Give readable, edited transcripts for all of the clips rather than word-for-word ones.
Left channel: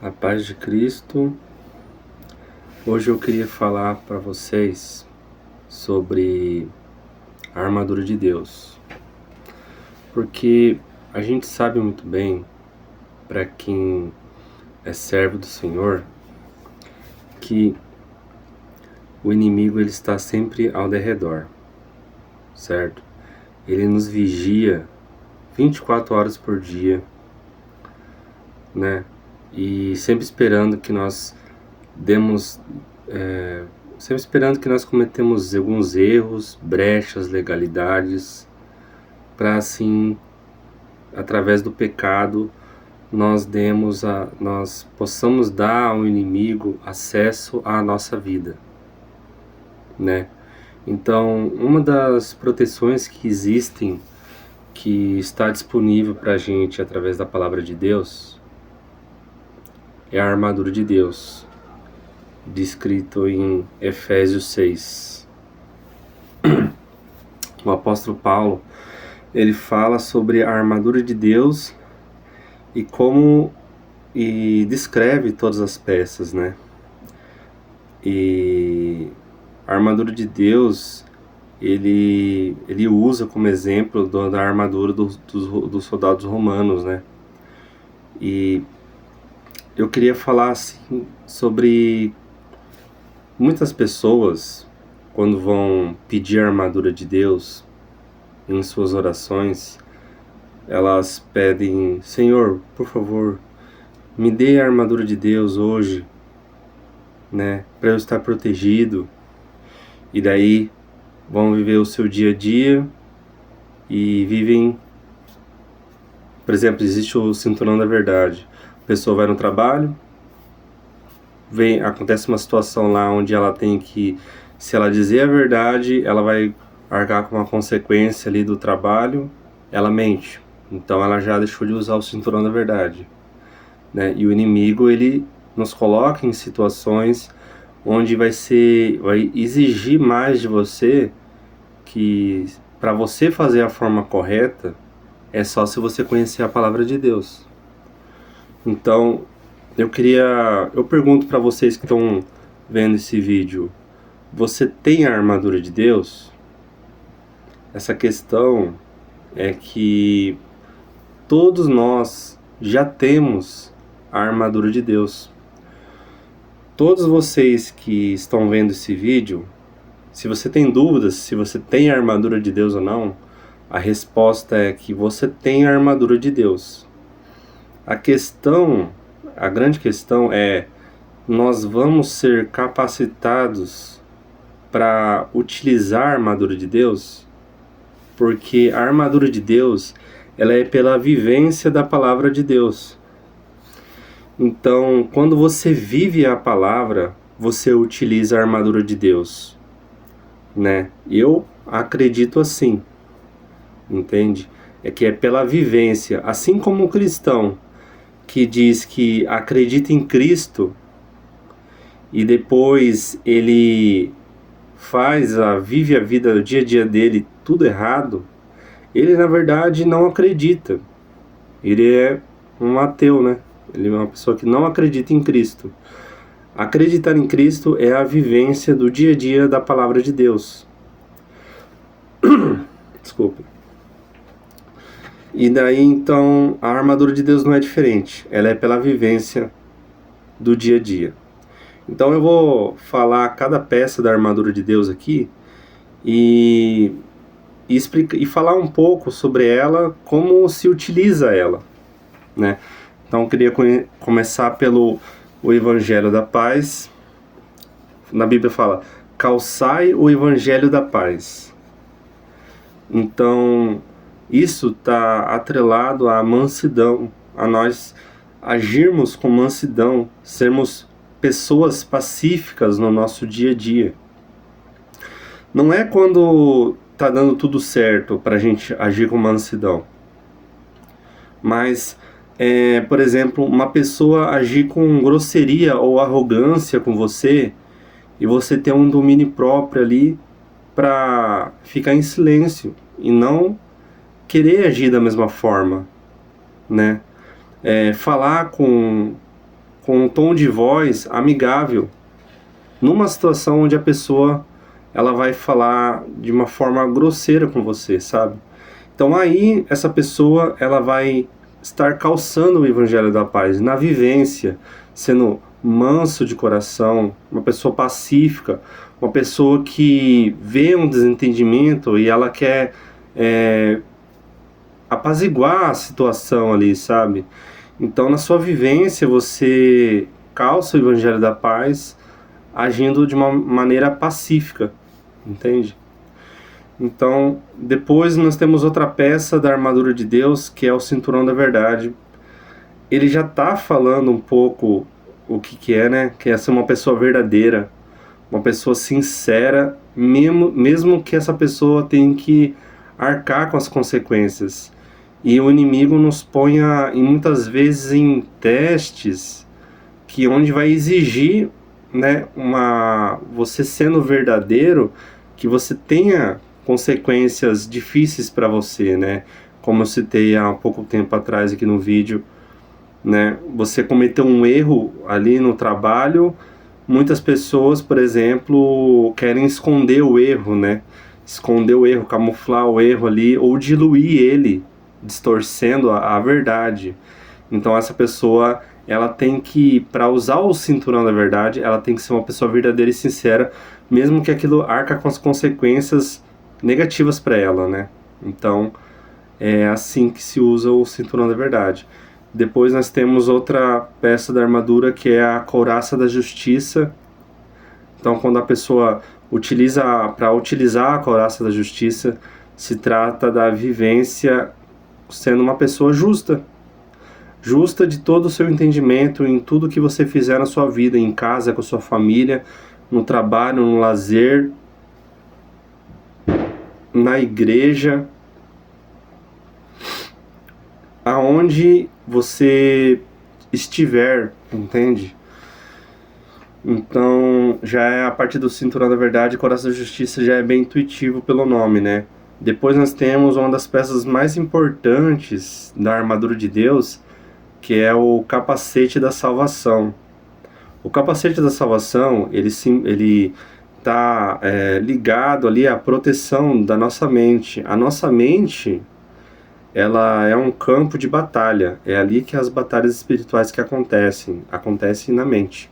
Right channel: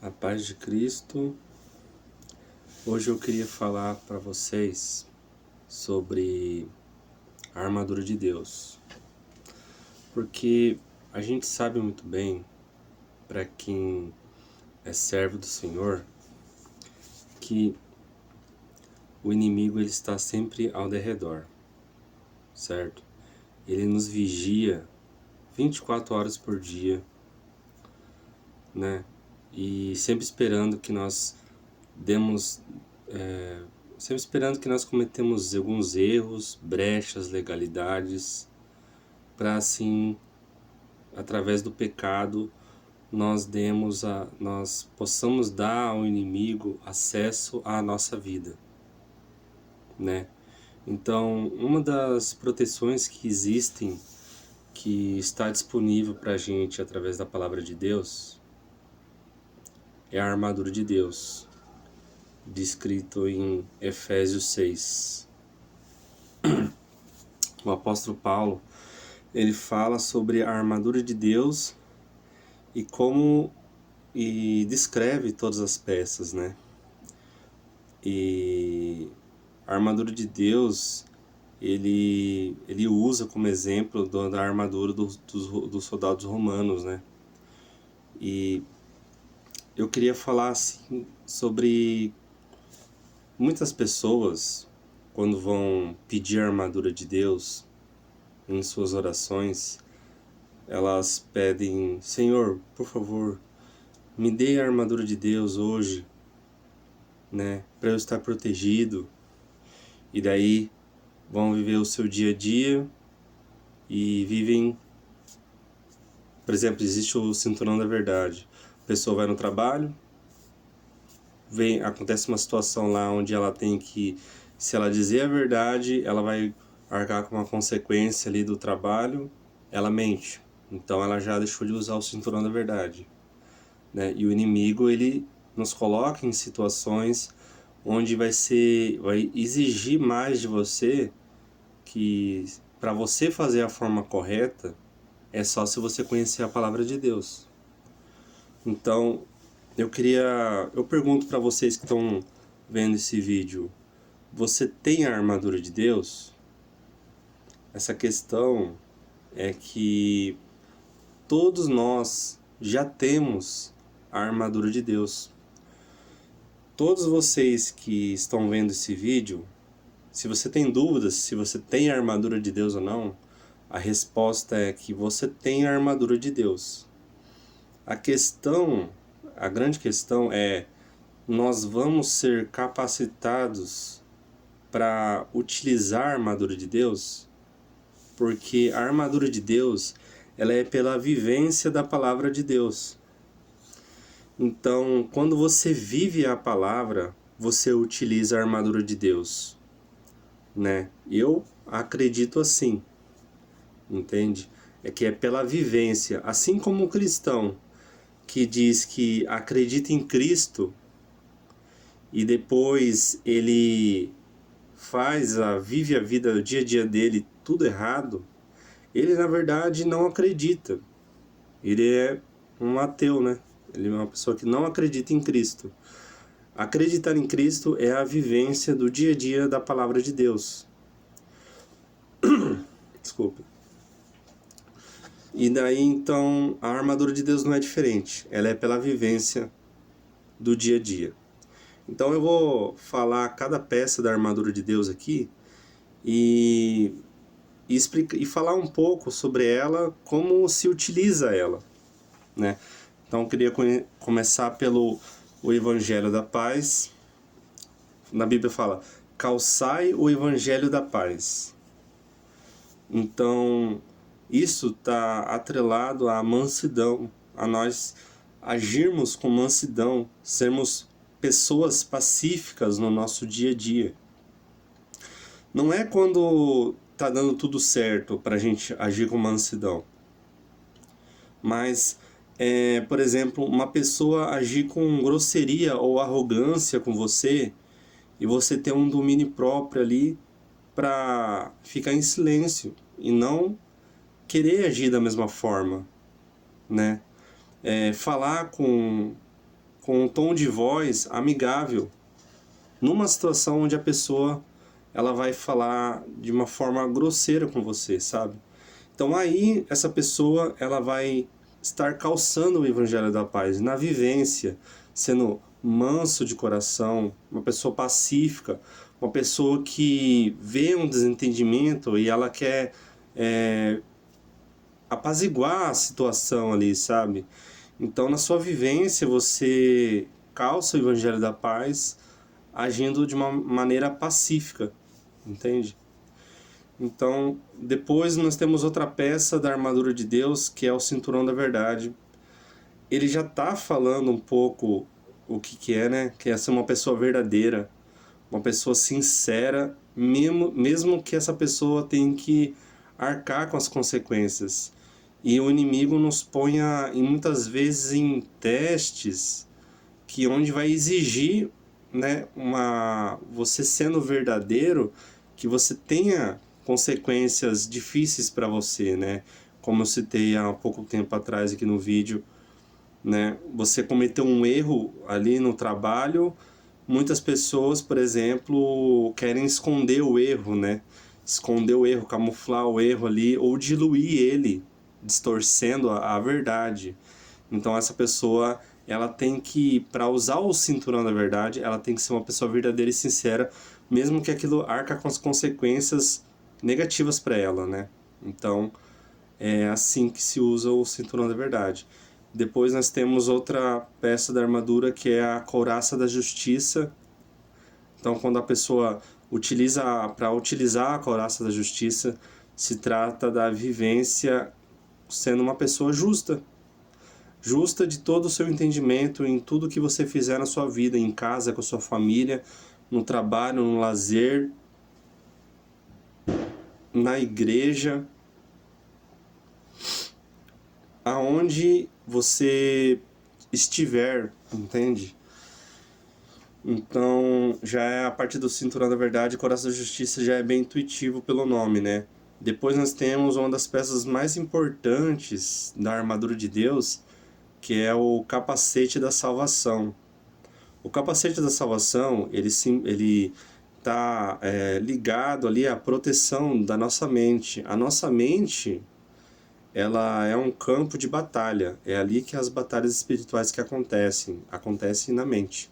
A paz de Cristo. Hoje eu queria falar para vocês sobre a armadura de Deus, porque a gente sabe muito bem, para quem é servo do Senhor, que o inimigo ele está sempre ao derredor, certo? Ele nos vigia 24 horas por dia, né? E sempre esperando que nós demos sempre esperando que nós cometemos alguns erros, brechas, legalidades, para assim, através do pecado, nós possamos dar ao inimigo acesso à nossa vida, né? Então, uma das proteções que existem, que está disponível para a gente através da palavra de Deus, é a armadura de Deus, descrito em Efésios 6. O apóstolo Paulo, ele fala sobre a armadura de Deus e descreve todas as peças, né? E a armadura de Deus, ele usa como exemplo da armadura dos soldados romanos, né? E eu queria falar assim sobre muitas pessoas, quando vão pedir a armadura de Deus em suas orações, elas pedem: Senhor, por favor, me dê a armadura de Deus hoje, né, para eu estar protegido. E daí vão viver o seu dia a dia e vivem, por exemplo, existe o cinturão da verdade. A pessoa vai no trabalho, acontece uma situação lá onde ela tem que, se ela dizer a verdade, ela vai arcar com uma consequência ali do trabalho, ela mente. Então ela já deixou de usar o cinturão da verdade, né? E o inimigo, ele nos coloca em situações onde vai exigir mais de você, que para você fazer a forma correta é só se você conhecer a palavra de Deus. Então, eu pergunto para vocês que estão vendo esse vídeo: você tem a armadura de Deus? Essa questão é que todos nós já temos a armadura de Deus. Todos vocês que estão vendo esse vídeo, se você tem dúvidas se você tem a armadura de Deus ou não, a resposta é que você tem a armadura de Deus. A grande questão é: nós vamos ser capacitados para utilizar a armadura de Deus? Porque a armadura de Deus, ela é pela vivência da palavra de Deus. Então, quando você vive a palavra, você utiliza a armadura de Deus, né? Eu acredito assim, entende? É que é pela vivência, assim como o cristão que diz que acredita em Cristo e depois ele vive a vida, o dia a dia dele tudo errado, ele na verdade não acredita. Ele é um ateu, né? Ele é uma pessoa que não acredita em Cristo. Acreditar em Cristo é a vivência do dia a dia da palavra de Deus. Desculpe. E daí então a armadura de Deus não é diferente. Ela é pela vivência do dia a dia. Então eu vou falar cada peça da armadura de Deus aqui e falar um pouco sobre ela, como se utiliza ela, né? Então eu queria começar pelo o Evangelho da Paz. Na Bíblia fala: calçai o Evangelho da Paz. Então isso está atrelado à mansidão, a nós agirmos com mansidão, sermos pessoas pacíficas no nosso dia a dia. Não é quando tá dando tudo certo para a gente agir com mansidão, mas por exemplo, uma pessoa agir com grosseria ou arrogância com você e você ter um domínio próprio ali para ficar em silêncio e não querer agir da mesma forma, né? Falar com com um tom de voz amigável, numa situação onde a pessoa ela vai falar de uma forma grosseira com você, sabe? Então aí essa pessoa ela vai estar calçando o evangelho da paz na vivência, sendo manso de coração, uma pessoa pacífica, uma pessoa que vê um desentendimento e ela quer apaziguar a situação ali, sabe? Então na sua vivência você calça o evangelho da paz agindo de uma maneira pacífica, entende? Então, depois nós temos outra peça da armadura de Deus, que é o cinturão da verdade. Ele já está falando um pouco o que é, né? Que é ser uma pessoa verdadeira, uma pessoa sincera, mesmo que essa pessoa tenha que arcar com as consequências. E o inimigo nos ponha, muitas vezes, em testes que onde vai exigir, né, você sendo verdadeiro, que você tenha consequências difíceis para você, né? Como eu citei há pouco tempo atrás aqui no vídeo, né? Você cometeu um erro ali no trabalho, muitas pessoas, por exemplo, querem esconder o erro, né? Esconder o erro, camuflar o erro ali, ou diluir ele, distorcendo a verdade. Então essa pessoa, ela tem que, para usar o cinturão da verdade, ela tem que ser uma pessoa verdadeira e sincera, mesmo que aquilo arca com as consequências negativas para ela, né? Então é assim que se usa o cinturão da verdade. Depois nós temos outra peça da armadura, que é a couraça da justiça. Então quando a pessoa para utilizar a couraça da justiça, se trata da vivência sendo uma pessoa justa de todo o seu entendimento em tudo que você fizer na sua vida, em casa, com a sua família, no trabalho, no lazer, na igreja, aonde você estiver, entende? Então, já é a parte do cinturão da verdade, coração da justiça já é bem intuitivo pelo nome, né? Depois nós temos uma das peças mais importantes da armadura de Deus, que é o capacete da salvação. O capacete da salvação, ele está ligado ali à proteção da nossa mente. A nossa mente, ela é um campo de batalha. É ali que as batalhas espirituais que acontecem na mente.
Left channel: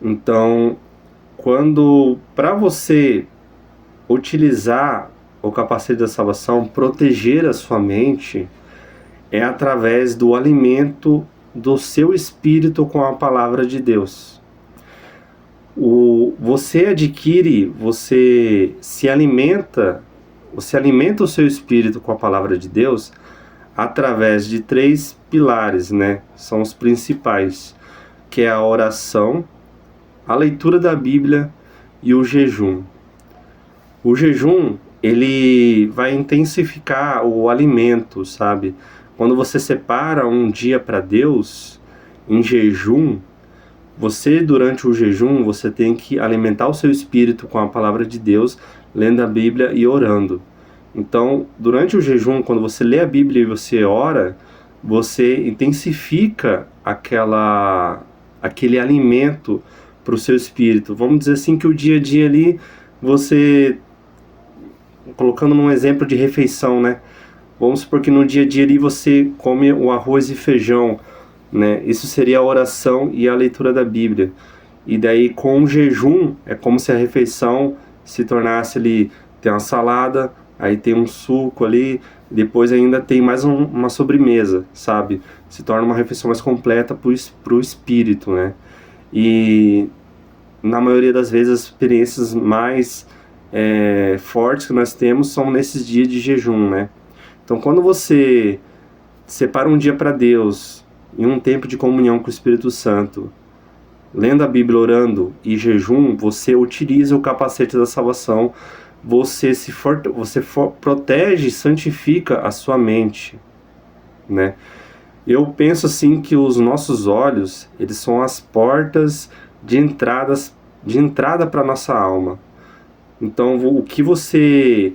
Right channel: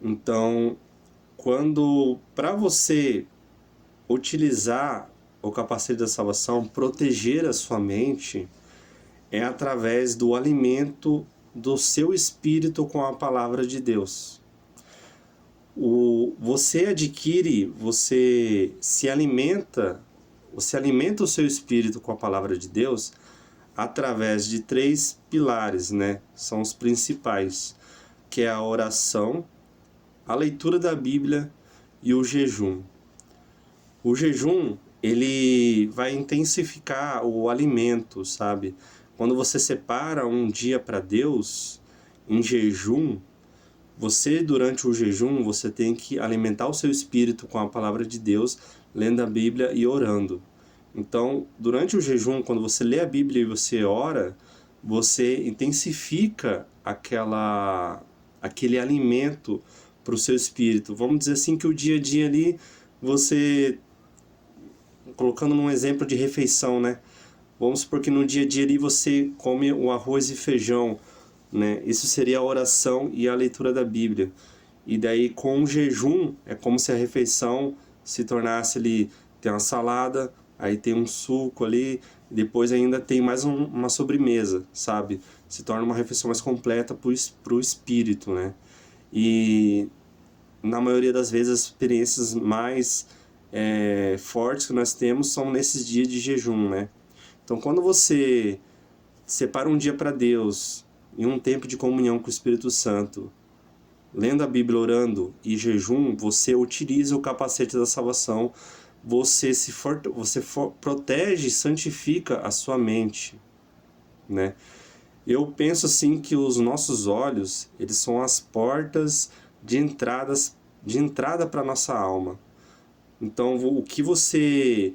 Então, para você utilizar o capacete da salvação, proteger a sua mente, é através do alimento do seu espírito com a palavra de Deus. Você se alimenta o seu espírito com a palavra de Deus através de 3 pilares, né? São os principais, que é a oração, a leitura da Bíblia e o jejum. O jejum, ele vai intensificar o alimento, sabe? Quando você separa um dia para Deus, em jejum, durante o jejum, você tem que alimentar o seu espírito com a palavra de Deus, lendo a Bíblia e orando. Então, durante o jejum, quando você lê a Bíblia e você ora, você intensifica aquele alimento para o seu espírito. Vamos dizer assim que o dia a dia ali, você, colocando num exemplo de refeição, né? Vamos supor que no dia a dia ali você come o arroz e feijão, né? Isso seria a oração e a leitura da Bíblia. E daí com o jejum é como se a refeição se tornasse ali, tem uma salada, aí tem um suco ali, depois ainda tem mais uma sobremesa, sabe? Se torna uma refeição mais completa pro espírito, né? E na maioria das vezes as experiências mais fortes que nós temos são nesses dias de jejum, né? Então quando você separa um dia para Deus, em um tempo de comunhão com o Espírito Santo, lendo a Bíblia, orando e jejum, você utiliza o capacete da salvação, você protege e santifica a sua mente, né? Eu penso assim que os nossos olhos, eles são as portas de entrada para nossa alma. Então, o que você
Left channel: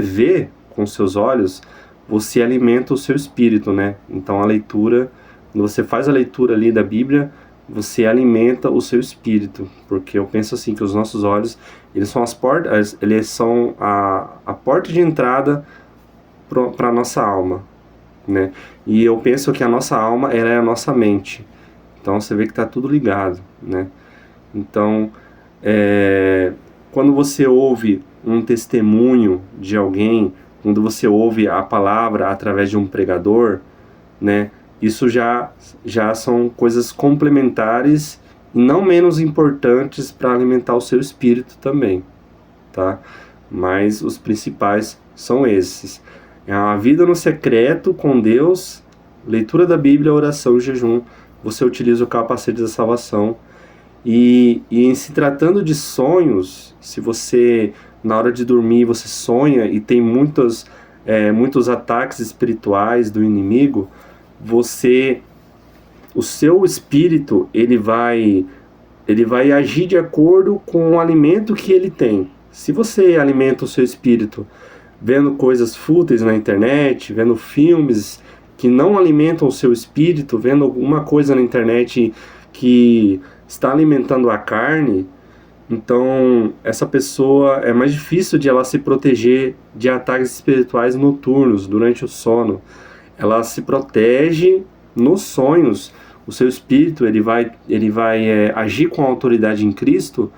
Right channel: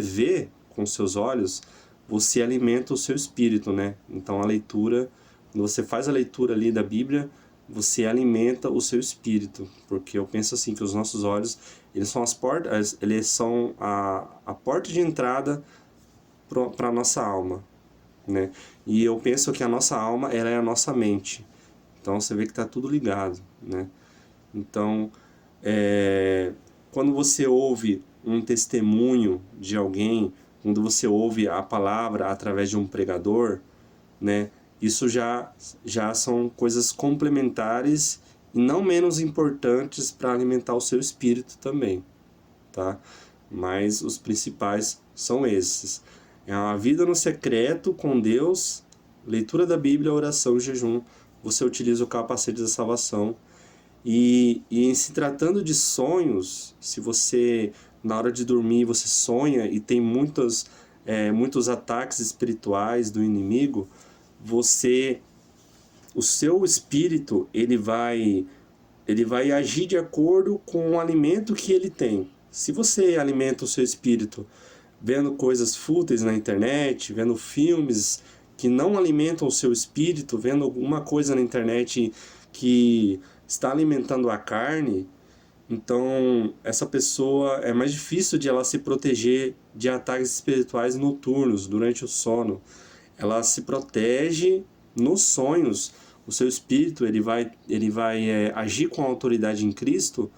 vê com seus olhos, você alimenta o seu espírito, né? Então, a leitura Quando você faz a leitura ali da Bíblia, você alimenta o seu espírito, porque eu penso assim que os nossos olhos, eles são as portas, eles são a porta de entrada para a nossa alma, né? E eu penso que a nossa alma, ela é a nossa mente. Então você vê que está tudo ligado, né? Então, quando você ouve um testemunho de alguém, quando você ouve a palavra através de um pregador, né? Isso já são coisas complementares e não menos importantes para alimentar o seu espírito também, tá? Mas os principais são esses. É a vida no secreto com Deus, leitura da Bíblia, oração e jejum. Você utiliza o capacete da salvação. E em se tratando de sonhos, se você, na hora de dormir, você sonha e tem muitos ataques espirituais do inimigo, o seu espírito, ele vai agir de acordo com o alimento que ele tem. Se você alimenta o seu espírito vendo coisas fúteis na internet, vendo filmes que não alimentam o seu espírito, vendo alguma coisa na internet que está alimentando a carne, então essa pessoa é mais difícil de ela se proteger de ataques espirituais noturnos durante o sono. Ela se protege nos sonhos. O seu espírito ele vai agir com autoridade em Cristo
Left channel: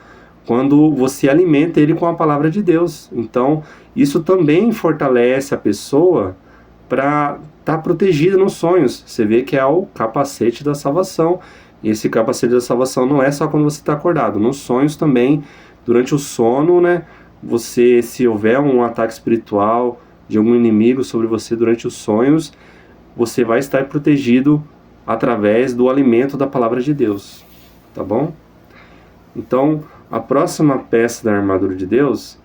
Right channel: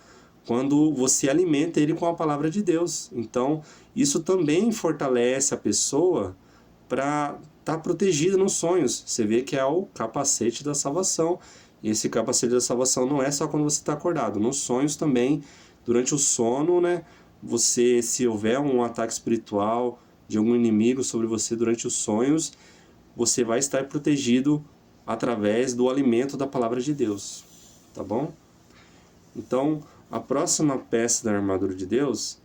quando você alimenta ele com a palavra de Deus. Então isso também fortalece a pessoa para estar protegida nos sonhos. Você vê que é o capacete da salvação. E esse capacete da salvação não é só quando você está acordado. Nos sonhos também, durante o sono, né? Você, se houver um ataque espiritual de algum inimigo sobre você durante os sonhos, você vai estar protegido através do alimento da palavra de Deus, tá bom? Então, a próxima peça da armadura de Deus,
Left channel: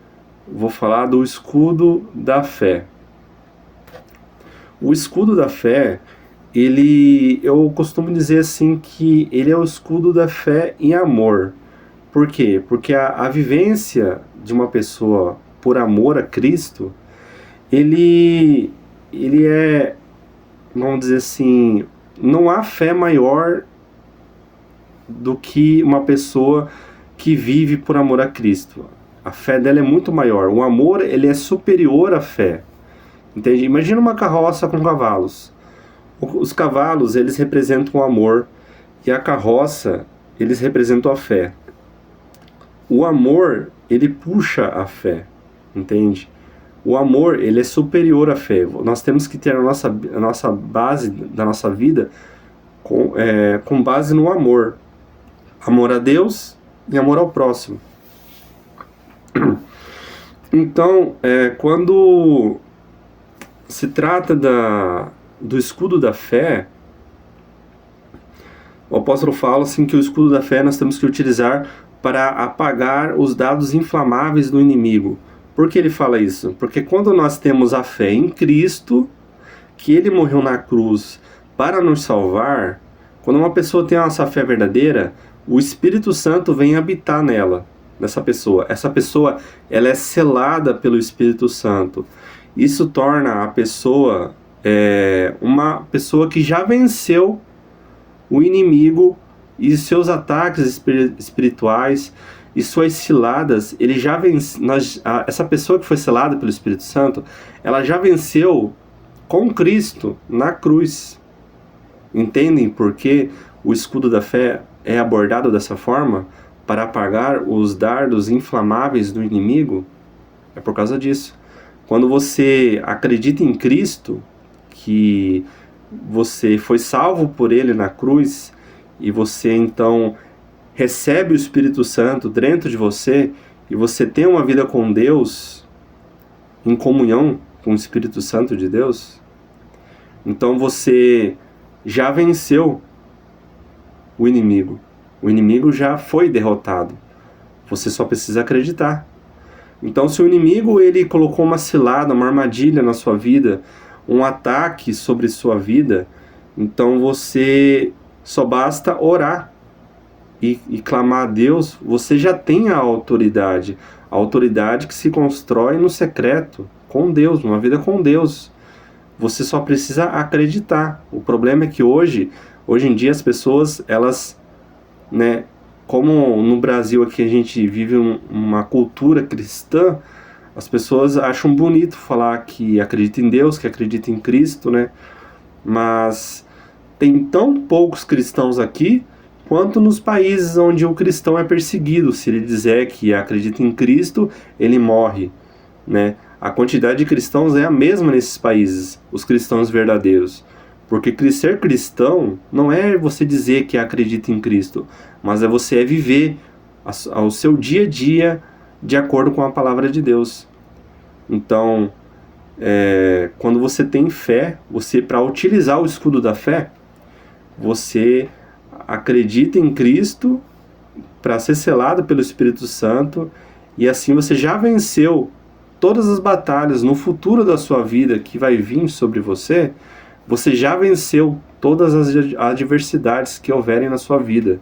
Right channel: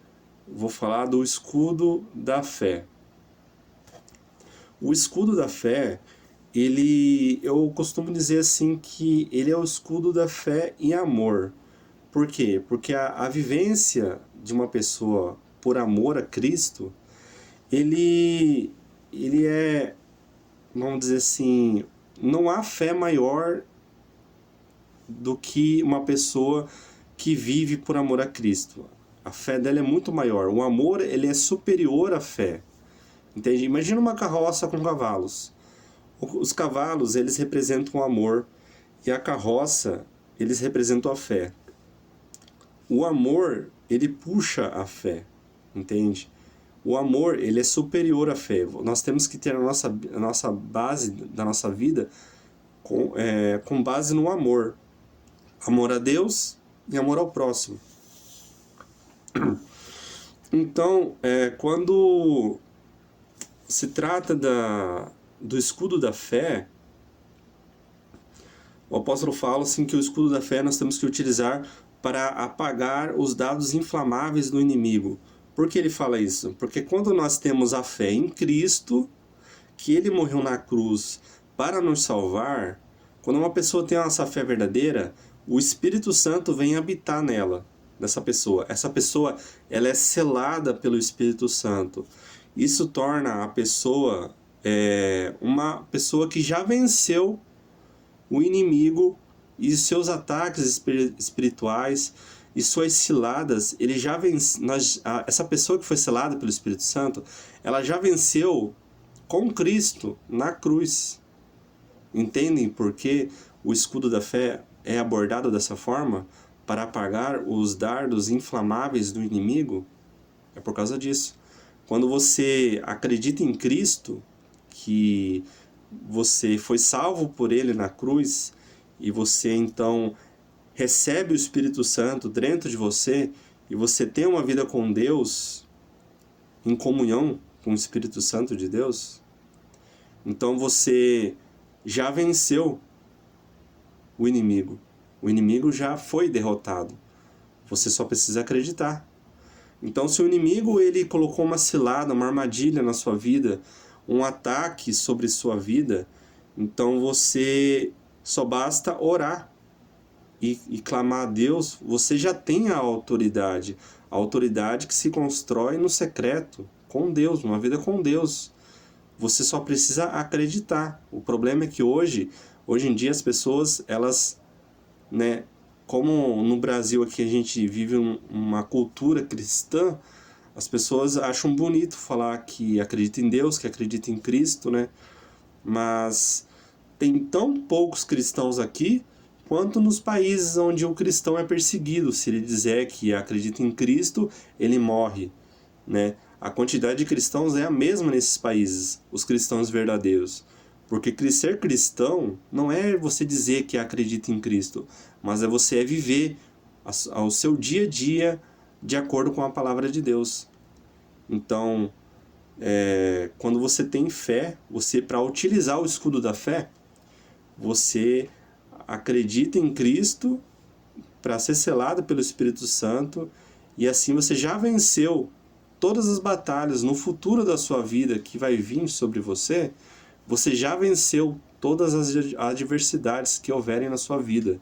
vou falar do escudo da fé. O escudo da fé, eu costumo dizer assim que ele é o escudo da fé em amor. Por quê? Porque a vivência de uma pessoa por amor a Cristo, ele é, vamos dizer assim, não há fé maior do que uma pessoa que vive por amor a Cristo. A fé dela é muito maior. O amor, ele é superior à fé. Entende? Imagina uma carroça com cavalos. Os cavalos, eles representam o amor, e a carroça, eles representam a fé. O amor, ele puxa a fé, entende? O amor, ele é superior à fé. Nós temos que ter a nossa base da nossa vida com base no amor. Amor a Deus e amor ao próximo. Então, quando se trata do escudo da fé, o apóstolo fala assim que o escudo da fé nós temos que utilizar para apagar os dados inflamáveis do inimigo. Por que ele fala isso? Porque quando nós temos a fé em Cristo, que ele morreu na cruz para nos salvar, quando uma pessoa tem essa fé verdadeira, o Espírito Santo vem habitar nessa pessoa. Essa pessoa, ela é selada pelo Espírito Santo. Isso torna a pessoa uma pessoa que já venceu o inimigo e seus ataques espirituais e suas ciladas. Ele já essa pessoa que foi selada pelo Espírito Santo, ela já venceu com Cristo na cruz. Entendem por que o escudo da fé é abordado dessa forma? Para apagar os dardos inflamáveis do inimigo? É por causa disso. Quando você acredita em Cristo, que você foi salvo por Ele na cruz, e você então recebe o Espírito Santo dentro de você, e você tem uma vida com Deus, em comunhão com o Espírito Santo de Deus, então você já venceu o inimigo. O inimigo já foi derrotado. Você só precisa acreditar. Então, se o inimigo ele colocou uma cilada, uma armadilha na sua vida, um ataque sobre sua vida, então você só basta orar e clamar a Deus. Você já tem a autoridade que se constrói no secreto, com Deus, uma vida com Deus. Você só precisa acreditar. O problema é que hoje Hoje em dia as pessoas, elas, né, como no Brasil aqui a gente vive uma cultura cristã, as pessoas acham bonito falar que acredita em Deus, que acredita em Cristo, né? Mas tem tão poucos cristãos aqui quanto nos países onde o cristão é perseguido. Se ele dizer que acredita em Cristo, ele morre, né? A quantidade de cristãos é a mesma nesses países, os cristãos verdadeiros. Porque ser cristão não é você dizer que acredita em Cristo, mas é você viver o seu dia a dia de acordo com a palavra de Deus. Então, quando você tem fé, você, para utilizar o escudo da fé, você acredita em Cristo para ser selado pelo Espírito Santo, e assim você já venceu todas as batalhas no futuro da sua vida que vai vir sobre você. Você já venceu todas as adversidades que houverem na sua vida,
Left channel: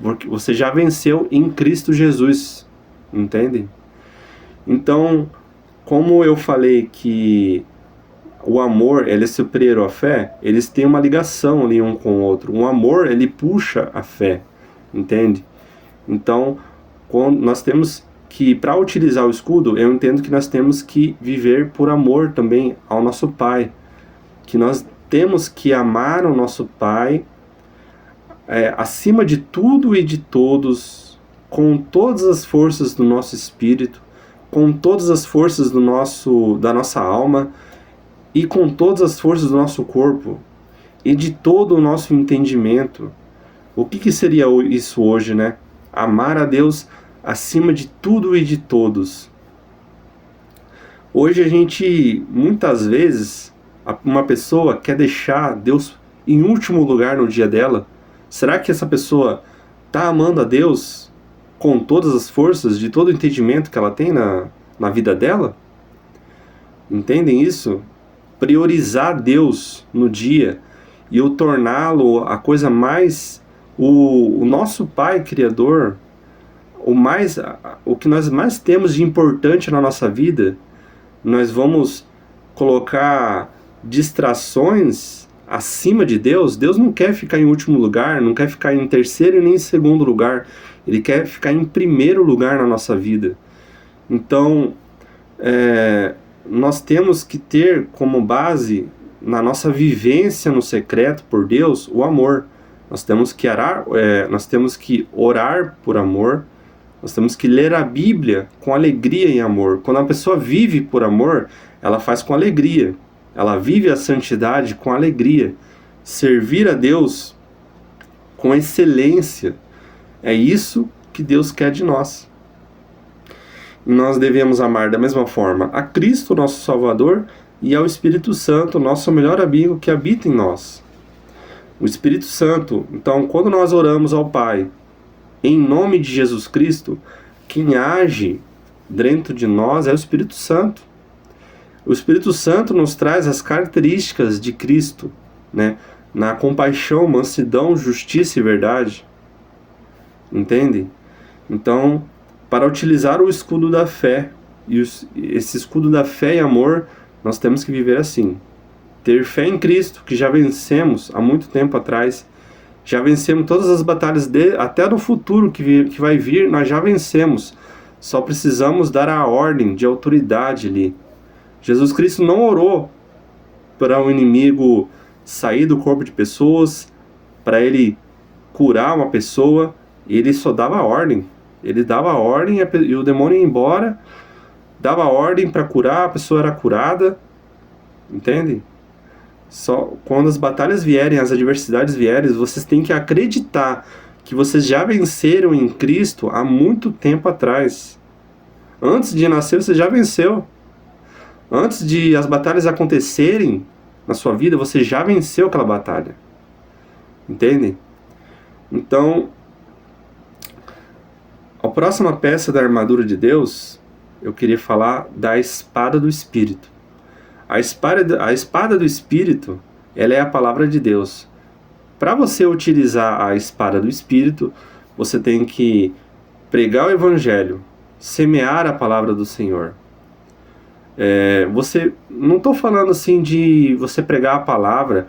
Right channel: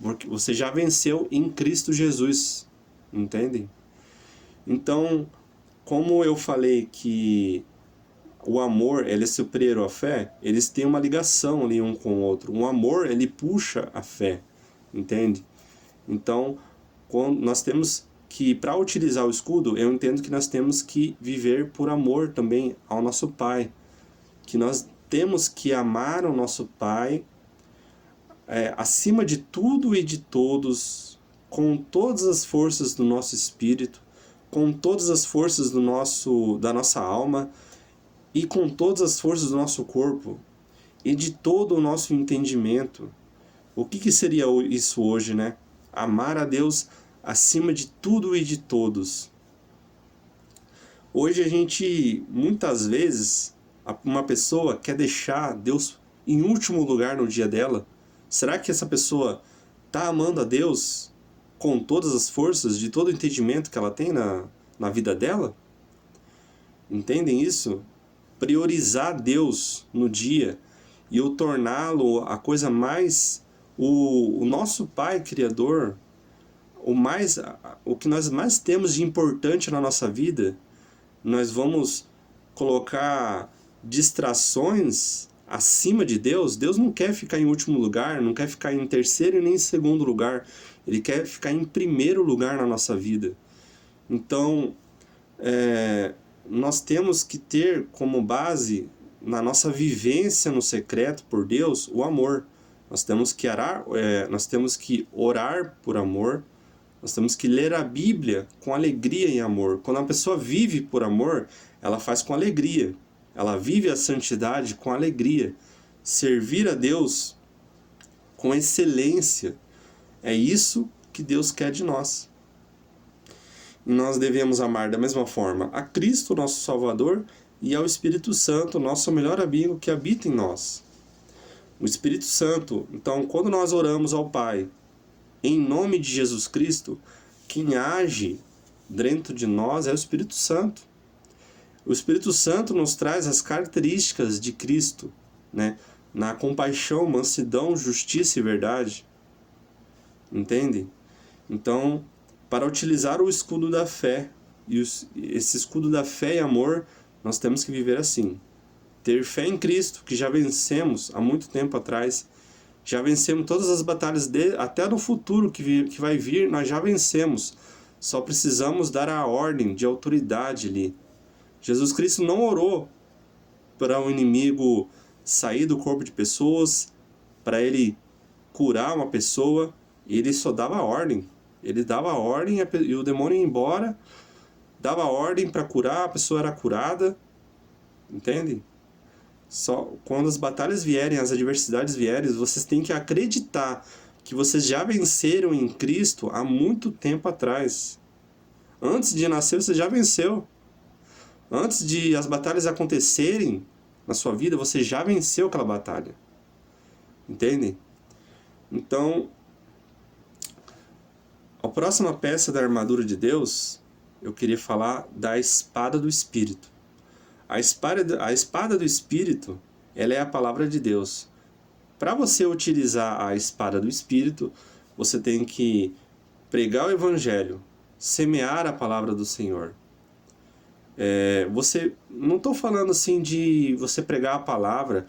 porque você já venceu em Cristo Jesus, entende? Então, como eu falei que o amor, ele é superior à fé, eles têm uma ligação ali um com o outro. O amor, ele puxa a fé, entende? Então, nós temos que, para utilizar o escudo, eu entendo que nós temos que viver por amor também ao nosso Pai. Que nós temos que amar o nosso Pai acima de tudo e de todos, com todas as forças do nosso espírito, com todas as forças da nossa alma e com todas as forças do nosso corpo e de todo o nosso entendimento. O que seria isso hoje, né? Amar a Deus acima de tudo e de todos. Hoje a gente, muitas vezes, uma pessoa quer deixar Deus em último lugar no dia dela. Será que essa pessoa está amando a Deus com todas as forças, de todo o entendimento que ela tem na vida dela? Entendem isso? Priorizar Deus no dia e o torná-lo a coisa mais... O nosso Pai Criador, o que nós mais temos de importante na nossa vida, nós vamos colocar distrações acima de Deus. Deus não quer ficar em último lugar, não quer ficar em terceiro e nem em segundo lugar. Ele quer ficar em primeiro lugar na nossa vida. Então, nós temos que ter como base, na nossa vivência no secreto por Deus, o amor. Nós temos que orar por amor. Nós temos que ler a Bíblia com alegria e amor. Quando a pessoa vive por amor, ela faz com alegria. Ela vive a santidade com alegria. Servir a Deus com excelência. É isso que Deus quer de nós. E nós devemos amar da mesma forma a Cristo, nosso Salvador, e ao Espírito Santo, nosso melhor amigo que habita em nós. O Espírito Santo, então, quando nós oramos ao Pai, em nome de Jesus Cristo, quem age dentro de nós é o Espírito Santo. O Espírito Santo nos traz as características de Cristo, né? Na compaixão, mansidão, justiça e verdade. Entendem? Então, para utilizar o escudo da fé, esse escudo da fé e amor, nós temos que viver assim. Ter fé em Cristo, que já vencemos há muito tempo atrás. Já vencemos todas as batalhas até do futuro que vai vir, nós já vencemos. Só precisamos dar a ordem de autoridade ali. Jesus Cristo não orou para o inimigo sair do corpo de pessoas, para ele curar uma pessoa. Ele só dava a ordem. Ele dava a ordem e o demônio ia embora, dava a ordem para curar, a pessoa era curada. Entende? Só quando as batalhas vierem, as adversidades vierem, vocês têm que acreditar que vocês já venceram em Cristo há muito tempo atrás. Antes de nascer, você já venceu. Antes de as batalhas acontecerem na sua vida, você já venceu aquela batalha. Entende? Então, a próxima peça da armadura de Deus, eu queria falar da espada do Espírito. A espada do Espírito, ela é a palavra de Deus. Para você utilizar a espada do Espírito, você tem que pregar o Evangelho, semear a palavra do Senhor. Não estou falando assim de você pregar a palavra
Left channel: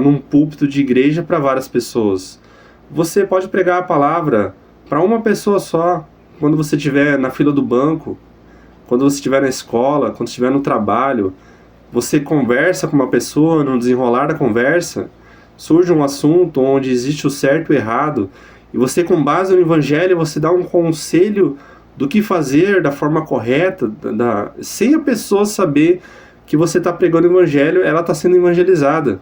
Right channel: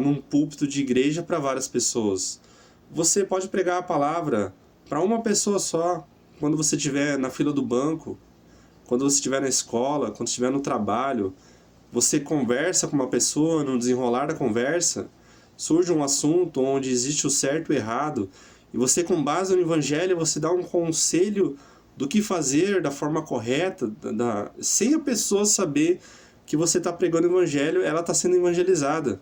num púlpito de igreja para várias pessoas. Você pode pregar a palavra para uma pessoa só, quando você estiver na fila do banco, quando você estiver na escola, quando estiver no trabalho. Você conversa com uma pessoa, no desenrolar da conversa, surge um assunto onde existe o certo e o errado, e você, com base no Evangelho, você dá um conselho do que fazer da forma correta, sem a pessoa saber que você está pregando o Evangelho, ela está sendo evangelizada.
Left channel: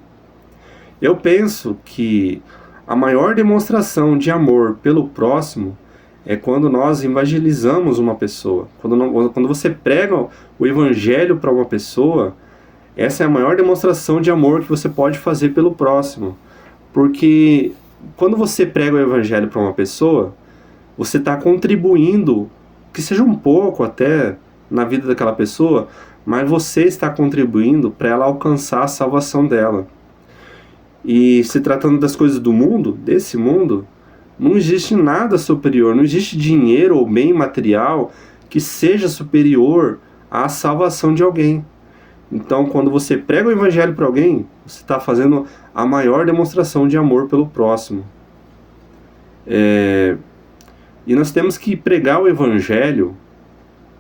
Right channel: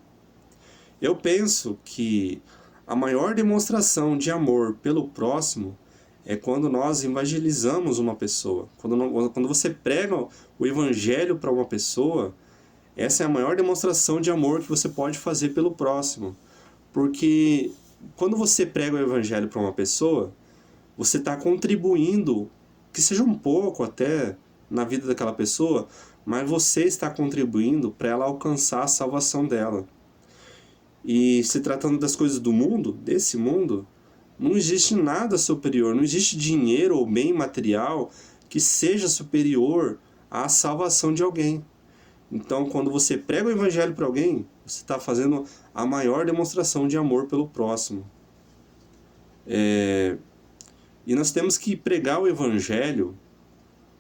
Eu penso que a maior demonstração de amor pelo próximo é quando nós evangelizamos uma pessoa. Quando você prega o Evangelho para uma pessoa, essa é a maior demonstração de amor que você pode fazer pelo próximo. Porque quando você prega o Evangelho para uma pessoa, você está contribuindo, que seja um pouco até, na vida daquela pessoa, mas você está contribuindo para ela alcançar a salvação dela. E se tratando das coisas do mundo, desse mundo, não existe nada superior, não existe dinheiro ou bem material que seja superior à salvação de alguém. Então, quando você prega o Evangelho para alguém, você está fazendo a maior demonstração de amor pelo próximo. E nós temos que pregar o Evangelho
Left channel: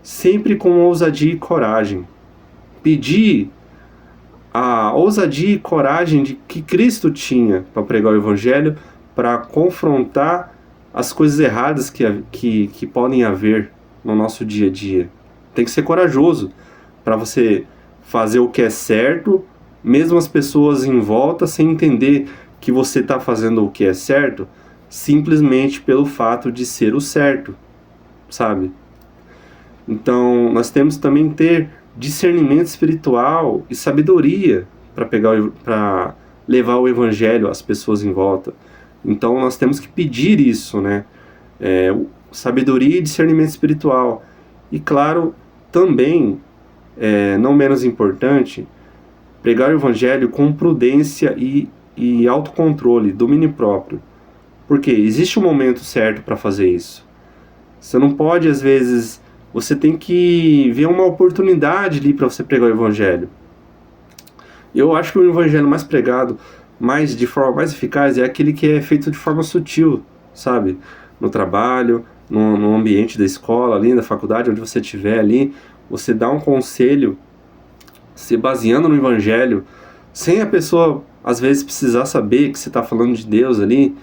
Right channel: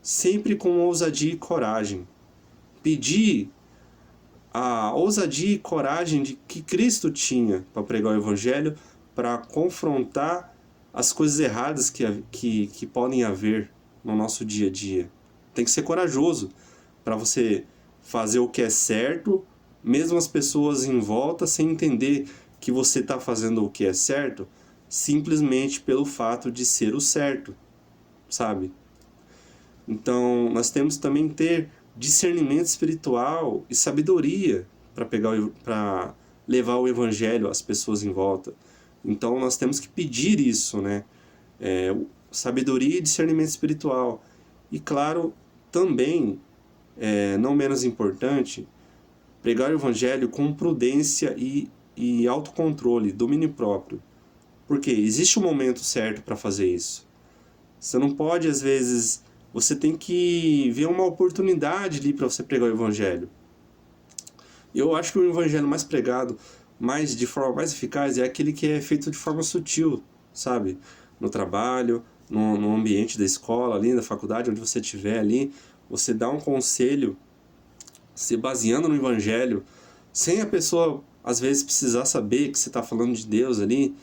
sempre com ousadia e coragem. Pedir a ousadia e coragem de que Cristo tinha para pregar o Evangelho, para confrontar as coisas erradas que podem haver no nosso dia a dia. Tem que ser corajoso para você fazer o que é certo, mesmo as pessoas em volta sem entender que você está fazendo o que é certo, simplesmente pelo fato de ser o certo, sabe? Então, nós temos também que ter discernimento espiritual e sabedoria para levar o Evangelho às pessoas em volta. Então, nós temos que pedir isso, né? Sabedoria e discernimento espiritual. E, claro, também, não menos importante, pregar o Evangelho com prudência e autocontrole, domínio próprio. Porque existe um momento certo para fazer isso. Você não pode, às vezes, você tem que ver uma oportunidade ali para você pregar o Evangelho. Eu acho que o Evangelho mais pregado, de forma mais eficaz, é aquele que é feito de forma sutil, sabe? No trabalho, no ambiente da escola, ali na faculdade, onde você estiver ali, você dá um conselho, se baseando no Evangelho, sem a pessoa, às vezes, precisar saber que você está falando de Deus ali.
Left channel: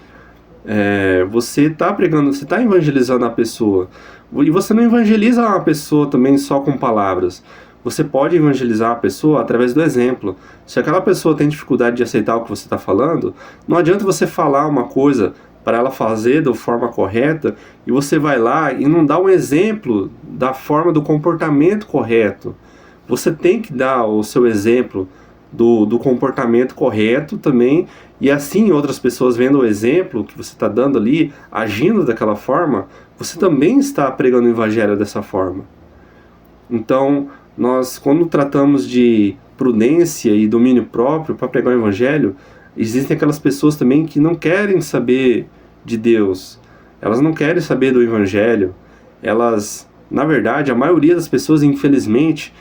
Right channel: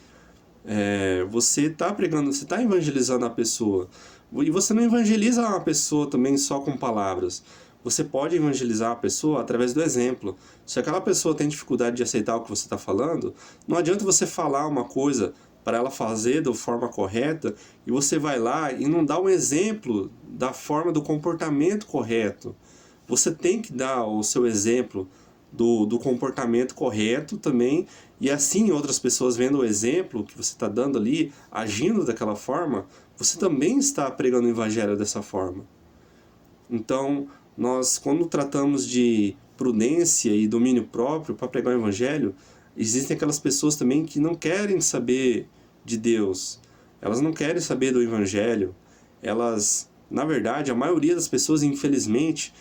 Você está pregando, você está evangelizando a pessoa. E você não evangeliza uma pessoa também só com palavras. Você pode evangelizar a pessoa através do exemplo. Se aquela pessoa tem dificuldade de aceitar o que você está falando, não adianta você falar uma coisa para ela fazer da forma correta e você vai lá e não dá um exemplo da forma do comportamento correto. Você tem que dar o seu exemplo do comportamento correto também, e assim outras pessoas vendo o exemplo que você está dando ali, agindo daquela forma, você também está pregando o Evangelho dessa forma. Então, nós, quando tratamos de prudência e domínio próprio para pregar o Evangelho, existem aquelas pessoas também que não querem saber de Deus, elas não querem saber do Evangelho, elas, na verdade, a maioria das pessoas, infelizmente,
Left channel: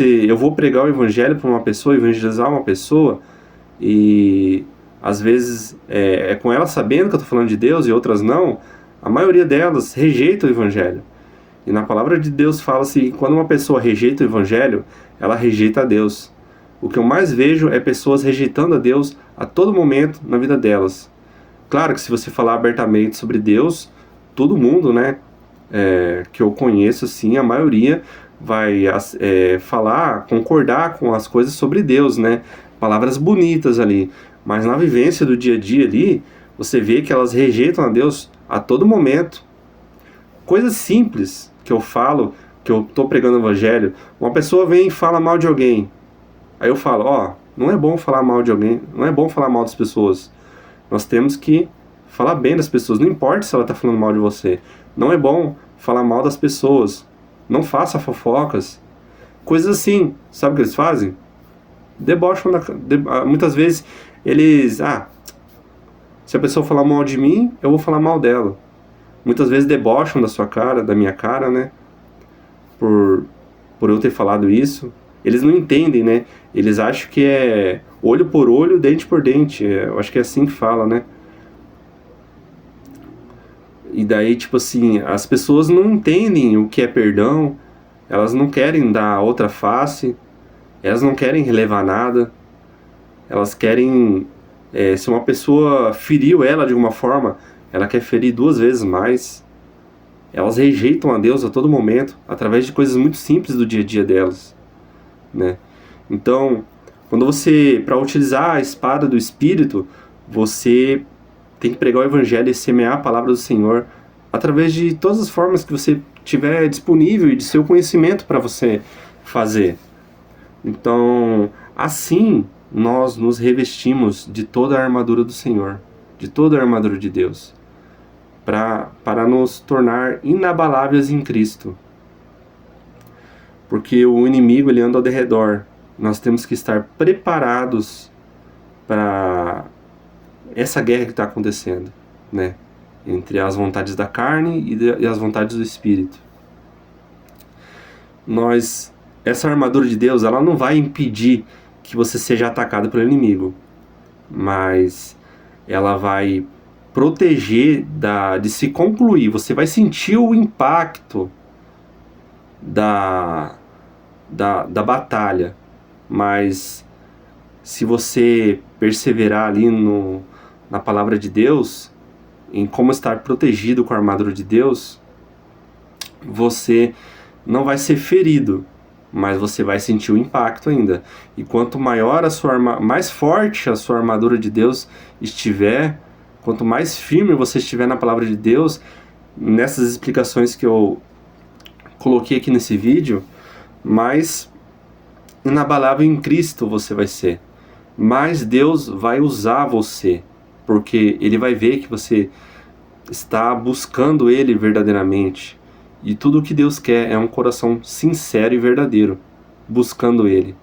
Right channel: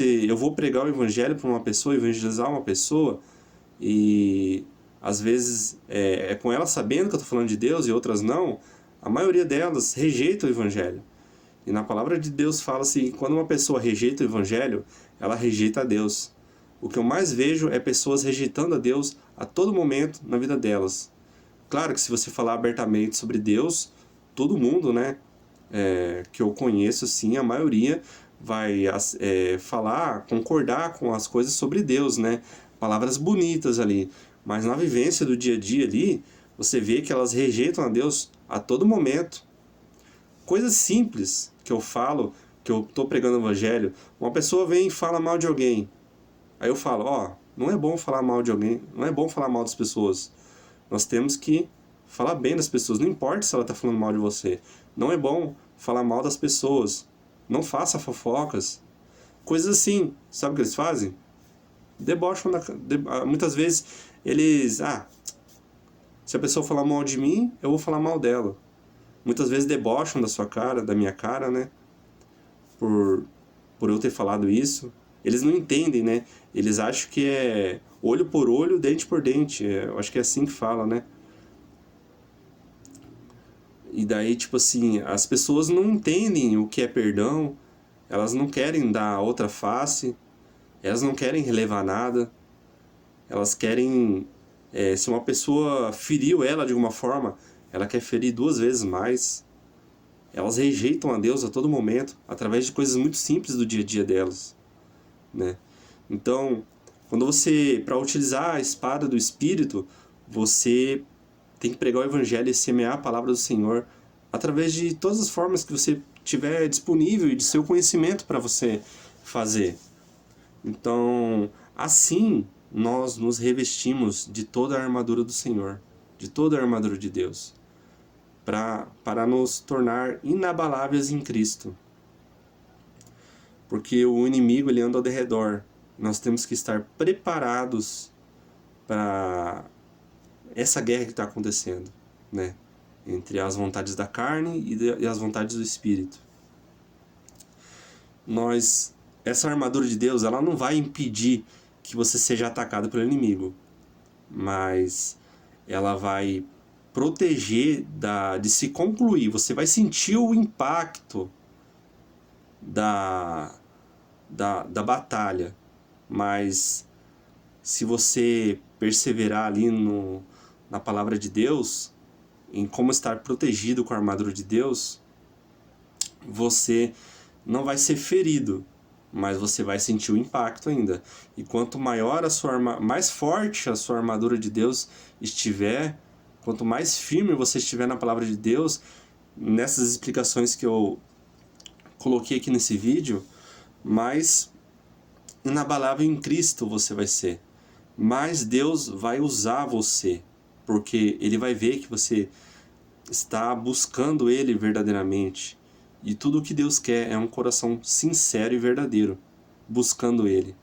eu vou pregar o Evangelho para uma pessoa, evangelizar uma pessoa, e às vezes é com ela sabendo que eu estou falando de Deus e outras não, a maioria delas rejeita o Evangelho. E na palavra de Deus fala-se que quando uma pessoa rejeita o Evangelho, ela rejeita a Deus. O que eu mais vejo é pessoas rejeitando a Deus a todo momento na vida delas. Claro que se você falar abertamente sobre Deus, todo mundo, né, que eu conheço, sim, a maioria vai falar, concordar com as coisas sobre Deus, né? Palavras bonitas ali. Mas na vivência do dia a dia ali, você vê que elas rejeitam a Deus a todo momento. Coisas simples que eu falo, que eu estou pregando o Evangelho, uma pessoa vem e fala mal de alguém. Aí eu falo, não é bom falar mal de alguém, não é bom falar mal das pessoas. Nós temos que falar bem das pessoas, não importa se ela está falando mal de você. Não é bom falar mal das pessoas. Não faça fofocas. Coisas assim. Sabe o que eles fazem? Debocham. Muitas vezes eles... se a pessoa falar mal de mim, eu vou falar mal dela. Muitas vezes debocham da sua cara, da minha cara, né? Por eu ter falado isso. Eles não entendem, né? Eles acham que é olho por olho, dente por dente. Eu acho que é assim que fala, né? E daí, tipo assim, as pessoas não entendem o que é perdão, elas não querem dar outra face, elas não querem relevar nada, elas querem. Se uma pessoa feriu ela de alguma forma, ela quer ferir 2 vezes mais. Elas rejeitam a Deus a todo momento, através de coisas muito simples do dia a dia delas, né? Então, quando você, para utilizar a espada do Espírito, você tem que pregar o Evangelho e semear a palavra do Senhor através de todas as formas que você tiver disponível e de seu conhecimento para você fazer. Então, assim, nós nos revestimos de toda a armadura do Senhor, de toda a armadura de Deus, para nos tornar inabaláveis em Cristo. Porque o inimigo ele anda ao derredor. Nós temos que estar preparados para essa guerra que está acontecendo, né? Entre as vontades da carne e as vontades do Espírito. Essa armadura de Deus, ela não vai impedir que você seja atacado pelo inimigo, mas ela vai proteger de se concluir. Você vai sentir o impacto da batalha, mas se você perseverar ali na palavra de Deus, em como estar protegido com a armadura de Deus, você não vai ser ferido, mas você vai sentir o impacto ainda. E quanto maior mais forte a sua armadura de Deus estiver, quanto mais firme você estiver na palavra de Deus, nessas explicações que eu coloquei aqui nesse vídeo, mais inabalável em Cristo você vai ser. Mais Deus vai usar você, porque Ele vai ver que você está buscando Ele verdadeiramente. E tudo o que Deus quer é um coração sincero e verdadeiro, buscando Ele.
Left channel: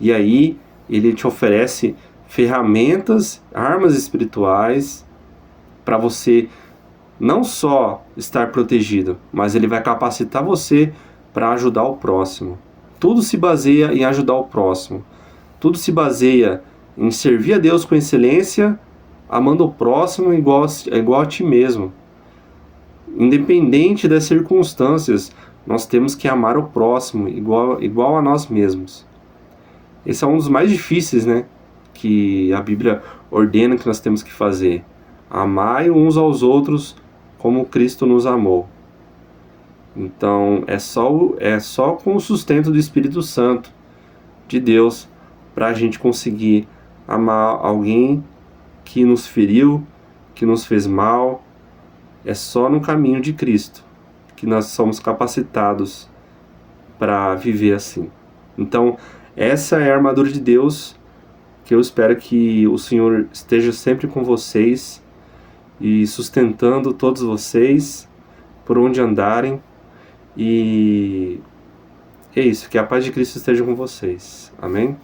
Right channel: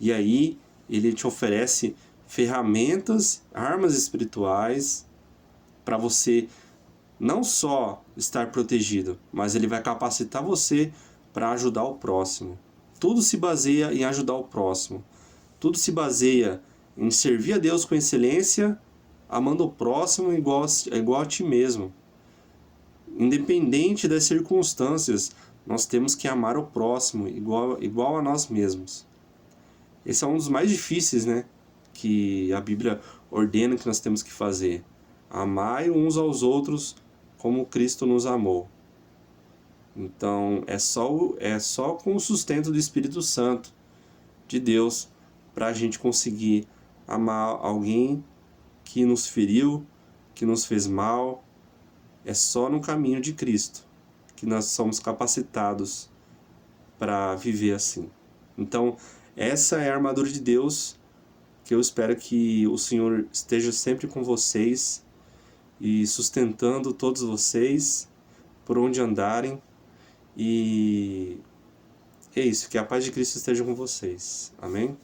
E aí Ele te oferece ferramentas, armas espirituais, para você não só estar protegido, mas Ele vai capacitar você para ajudar o próximo. Tudo se baseia em ajudar o próximo. Tudo se baseia em servir a Deus com excelência, amando o próximo igual a ti mesmo. Independente das circunstâncias, nós temos que amar o próximo igual a nós mesmos. Esse é um dos mais difíceis, né? Que a Bíblia ordena que nós temos que fazer. Amai uns aos outros como Cristo nos amou. Então, é só com o sustento do Espírito Santo de Deus para a gente conseguir amar alguém que nos feriu, que nos fez mal. É só no caminho de Cristo que nós somos capacitados para viver assim. Então, essa é a armadura de Deus, que eu espero que o Senhor esteja sempre com vocês e sustentando todos vocês por onde andarem. E é isso, que a paz de Cristo esteja com vocês. Amém?